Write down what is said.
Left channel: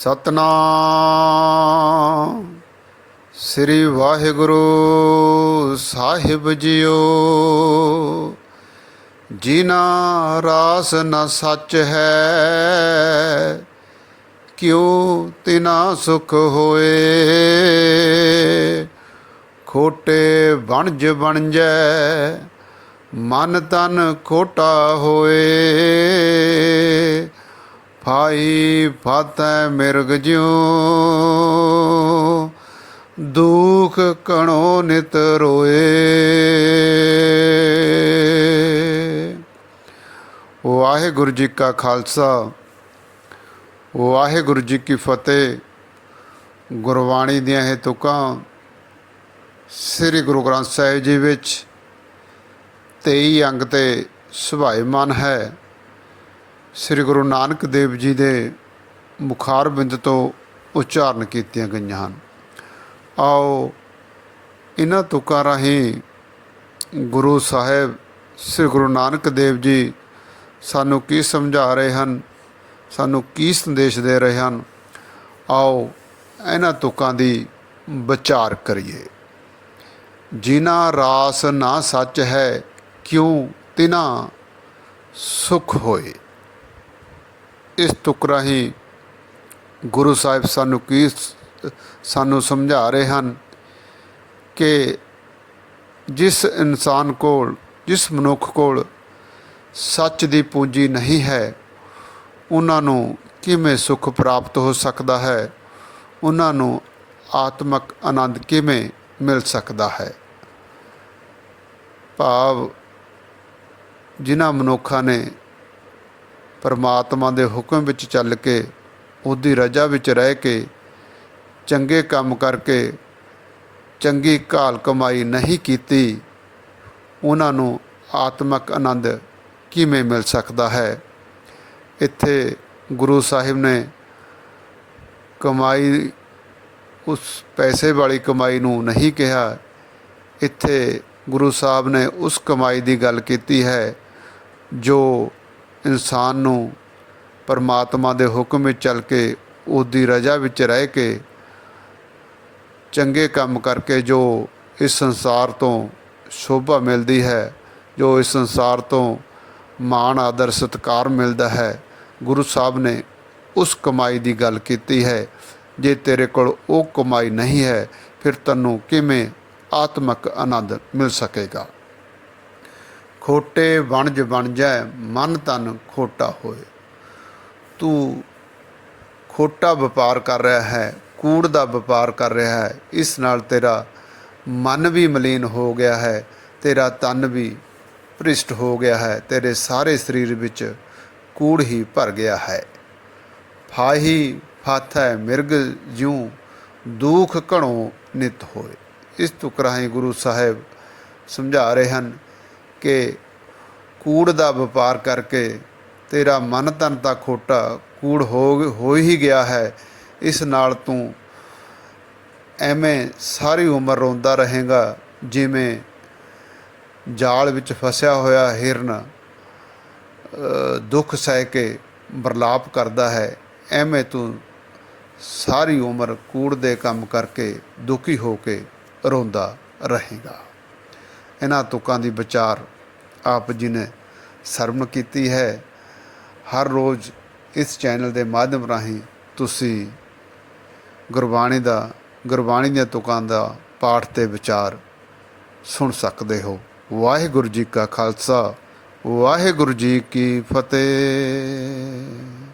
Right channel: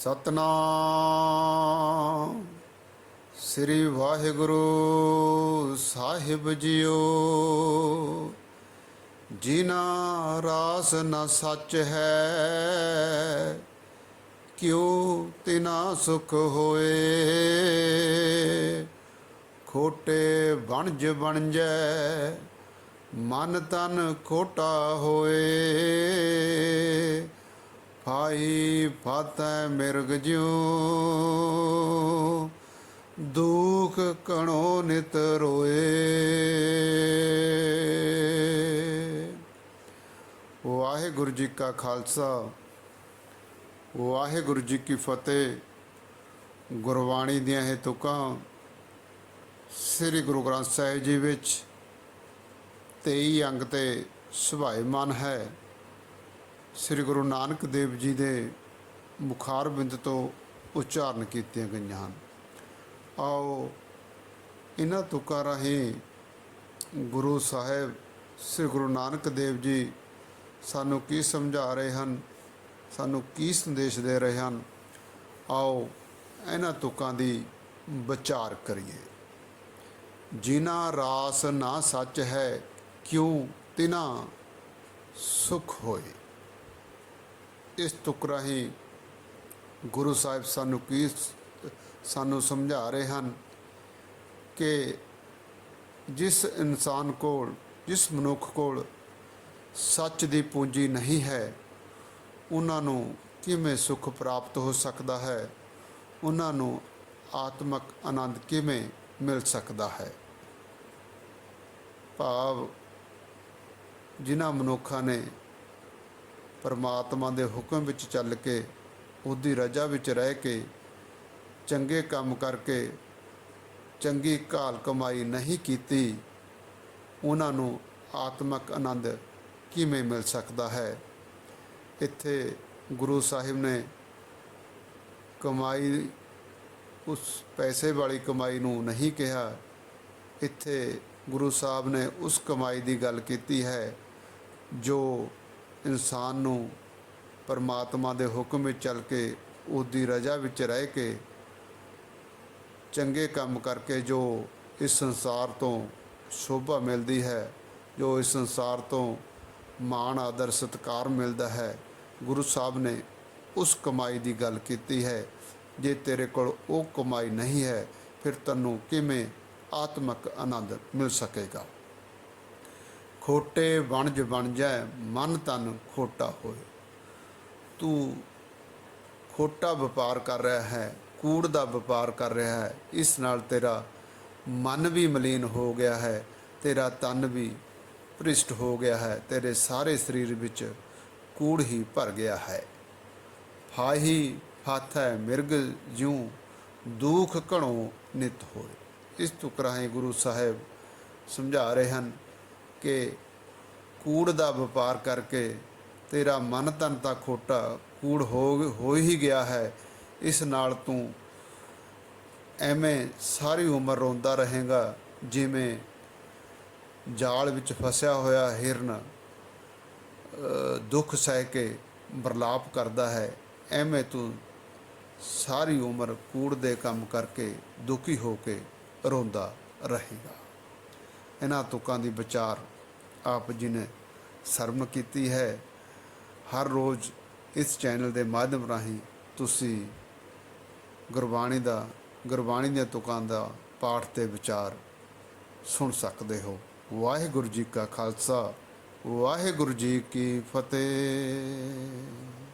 ਸਤਨਾਮ। ਸ੍ਰੀ ਵਾਹਿਗੁਰੂ ਸਾਹਿਬ ਜੀਓ। ਜਿਨਾ ਰਾਸ ਨ ਸੱਚ ਹੈ, ਕਿਉ ਤਿਨਾ ਸੁਖ ਹੋਏ? ਖੋਟੇ ਬਣਜ ਬਣਜੈ ਮਨ ਤਨ ਖੋਟਾ ਹੋਏ। ਭਾਈ ਫਾਤੈ ਮਿਰਗ ਜਿਉ, ਦੁਖ ਕਣੋ ਨਿਤ ਰੋਏ। ਵਾਹਿਗੁਰੂ ਜੀ ਕਾ ਖਾਲਸਾ, ਵਾਹਿਗੁਰੂ ਜੀ ਕੀ ਫਤਿਹ। ਗੁਰਬਾਣੀ ਦੀਆਂ ਇਹ ਤੁਕਾਂ ਸ੍ਰੀ ਗੁਰੂ ਗ੍ਰੰਥ ਸਾਹਿਬ ਜੀ ਵਿੱਚ 23 ਅੰਗ ਤੇ ਸੁਭਾਇਮਾਨ ਹੈ। ਸ੍ਰੀ ਗੁਰੂ ਨਾਨਕ ਦੇਵ ਜੀ ਦੇ ਮੁਖਾਰ ਬਿੰਦ ਤੋਂ ਉਚਾਰਨ ਕੀਤੀਆਂ ਗਈਆਂ ਹਨ। ਆਓ ਇਹਨਾਂ ਤੁਕਾਂ ਰਾਹੀਂ ਗੁਰੂ ਸਾਹਿਬ ਸ੍ਰੀ ਗੁਰੂ ਨਾਨਕ ਦੇਵ ਜੀ ਸਾਨੂੰ ਕੀ ਸਮਝਾ ਰਹੇ ਹਨ, ਸਾਨੂੰ ਕੀ ਸੰਦੇਸ਼ ਦੇ ਰਹੇ ਹਨ, ਆਓ ਇਹਨਾਂ ਤੁਕਾਂ ਦੀ ਵਿਚਾਰ ਕਰੀਏ। ਜਿਨਾ ਰਾਸ ਨਾ ਸੱਚ ਹੈ, ਕਿਉਂ ਤਿਨਾ ਸੁਖ ਹੋਏ? ਇਸ ਤੁਕ ਰਾਹੀਂ ਗੁਰੂ ਸਾਹਿਬ ਸਾਨੂੰ ਕੀ ਸਾਨੂੰ ਸਮਝਾ ਰਹੇ ਹਨ ਕਿ ਜਿਸ ਇਨਸਾਨ ਕੋਲ, ਜਿਸ ਮਨੁੱਖ ਕੋਲ ਸੱਚ ਦੀ ਪੂੰਜੀ ਨਹੀਂ ਹੈ, ਉਹਨਾਂ ਨੂੰ ਕਿਵੇਂ ਸੁਖ ਪ੍ਰਾਪਤ ਹੋ ਸਕਦਾ ਹੈ? ਉਹਨਾਂ ਨੂੰ ਆਤਮਿਕ ਆਨੰਦ ਕਿਵੇਂ ਮਿਲ ਸਕਦਾ ਹੈ? ਭਾਵ ਜਿਨ੍ਹਾਂ ਮਨੁੱਖਾਂ ਨੇ ਪਰਮਾਤਮਾ ਦੇ ਹੁਕਮ ਵਿੱਚ ਚੱਲ ਕੇ, ਉਹਦੀ ਰਜ਼ਾ ਵਿੱਚ ਰਹਿ ਕੇ, ਚੰਗੇ ਕੰਮ ਕਰਕੇ ਚੰਗੀ ਘਾਲ ਕਮਾਈ ਨਹੀਂ ਕੀਤੀ, ਉਹਨਾਂ ਨੂੰ ਆਤਮਿਕ ਆਨੰਦ ਕਿਵੇਂ ਮਿਲ ਸਕਦਾ ਹੈ? ਇੱਥੇ ਗੁਰੂ ਸਾਹਿਬ ਨੇ ਕਮਾਈ, ਉਸ ਪੈਸੇ ਵਾਲੀ ਕਮਾਈ ਨੂੰ ਨਹੀਂ ਕਿਹਾ। ਇੱਥੇ ਗੁਰੂ ਸਾਹਿਬ ਨੇ ਉਸ ਕਮਾਈ ਦੀ ਗੱਲ ਕੀਤੀ ਹੈ, ਜੋ ਇਨਸਾਨ ਨੂੰ ਪਰਮਾਤਮਾ ਦੇ ਹੁਕਮ ਵਿੱਚ ਚੱਲ ਕੇ, ਉਹਦੀ ਰਜ਼ਾ ਵਿੱਚ ਰਹਿ ਕੇ ਚੰਗੇ ਕੰਮ ਕਰਕੇ ਜੋ ਇਸ ਸੰਸਾਰ ਤੋਂ ਸ਼ੋਭਾ ਮਿਲਦੀ ਹੈ, ਜੋ ਇਸ ਸੰਸਾਰ ਤੋਂ ਮਾਣ, ਆਦਰ, ਸਤਕਾਰ ਮਿਲਦਾ ਹੈ, ਗੁਰੂ ਸਾਹਿਬ ਨੇ ਉਸ ਕਮਾਈ ਦੀ ਗੱਲ ਕੀਤੀ ਹੈ, ਜੇ ਤੇਰੇ ਕੋਲ ਉਹ ਕਮਾਈ ਨਹੀਂ ਹੈ, ਫਿਰ ਤੈਨੂੰ ਕਿਵੇਂ ਆਤਮਿਕ ਆਨੰਦ ਮਿਲ ਸਕੇਗਾ? ਖੋਟੇ ਵਣਜ ਬਣ ਜਾਏ ਮਨ ਤਨ ਖੋਟਾ ਹੋਏ। ਤੂੰ ਖੋਟਾ ਵਪਾਰ ਕਰ ਰਿਹਾ ਹੈ, ਕੂੜ ਦਾ ਵਪਾਰ ਕਰ ਰਿਹਾ ਹੈ, ਇਸ ਨਾਲ ਤੇਰਾ ਮਨ ਵੀ ਮਲੀਨ ਹੋ ਗਿਆ ਹੈ, ਤੇਰਾ ਤਨ ਵੀ ਭ੍ਰਿਸ਼ਟ ਹੋ ਗਿਆ ਹੈ, ਤੇਰੇ ਸਾਰੇ ਸਰੀਰ ਵਿੱਚ ਕੂੜ ਹੀ ਭਰ ਗਿਆ ਹੈ। ਫਾਹੀ ਫਾਥੈ ਮਿਰਗ ਜਿਉ ਦੁਖ ਘਣੋ ਨਿਤ ਹੋਏ। ਇਸ ਤੁਕ ਰਾਹੀਂ ਗੁਰੂ ਸਾਹਿਬ ਸਮਝਾ ਰਹੇ ਹਨ ਕਿ ਕੂੜ ਦਾ ਵਪਾਰ ਕਰਕੇ ਤੇਰਾ ਮਨ ਤਨ ਤਾਂ ਖੋਟਾ ਕੂੜ ਹੋ ਹੋ ਹੀ ਗਿਆ ਹੈ। ਇਸ ਨਾਲ ਤੂੰ ਐਵੇਂ ਸਾਰੀ ਉਮਰ ਰੋਂਦਾ ਰਹੇਗਾ, ਜਿਵੇਂ ਜਾਲ ਵਿੱਚ ਫਸਿਆ ਹੋਇਆ ਹਿਰਨ ਦੁੱਖ ਸਹਿ ਕੇ ਬਰਲਾਪ ਕਰਦਾ ਹੈ। ਐਵੇਂ ਤੂੰ ਸਾਰੀ ਉਮਰ ਕੂੜ ਦੇ ਕੰਮ ਕਰਕੇ ਦੁਖੀ ਹੋ ਕੇ ਰੋਂਦਾ ਰਹੇਗਾ। ਇਹਨਾਂ ਤੁਕਾਂ ਦੀ ਵਿਚਾਰ ਆਪ ਜੀ ਨੇ ਸਰਵਣ ਕੀਤੀ ਹੈ। ਹਰ ਰੋਜ਼ ਇਸ ਚੈਨਲ ਦੇ ਮਾਧਿਅਮ ਰਾਹੀਂ ਤੁਸੀਂ ਗੁਰਬਾਣੀ ਦਾ, ਗੁਰਬਾਣੀ ਦੀਆਂ ਤੁਕਾਂ ਦਾ ਪਾਠ ਤੇ ਵਿਚਾਰ ਸੁਣ ਸਕਦੇ ਹੋ। ਵਾਹਿਗੁਰੂ ਜੀ ਕਾ ਖਾਲਸਾ, ਵਾਹਿਗੁਰੂ ਜੀ ਕੀ ਫਤਿਹ।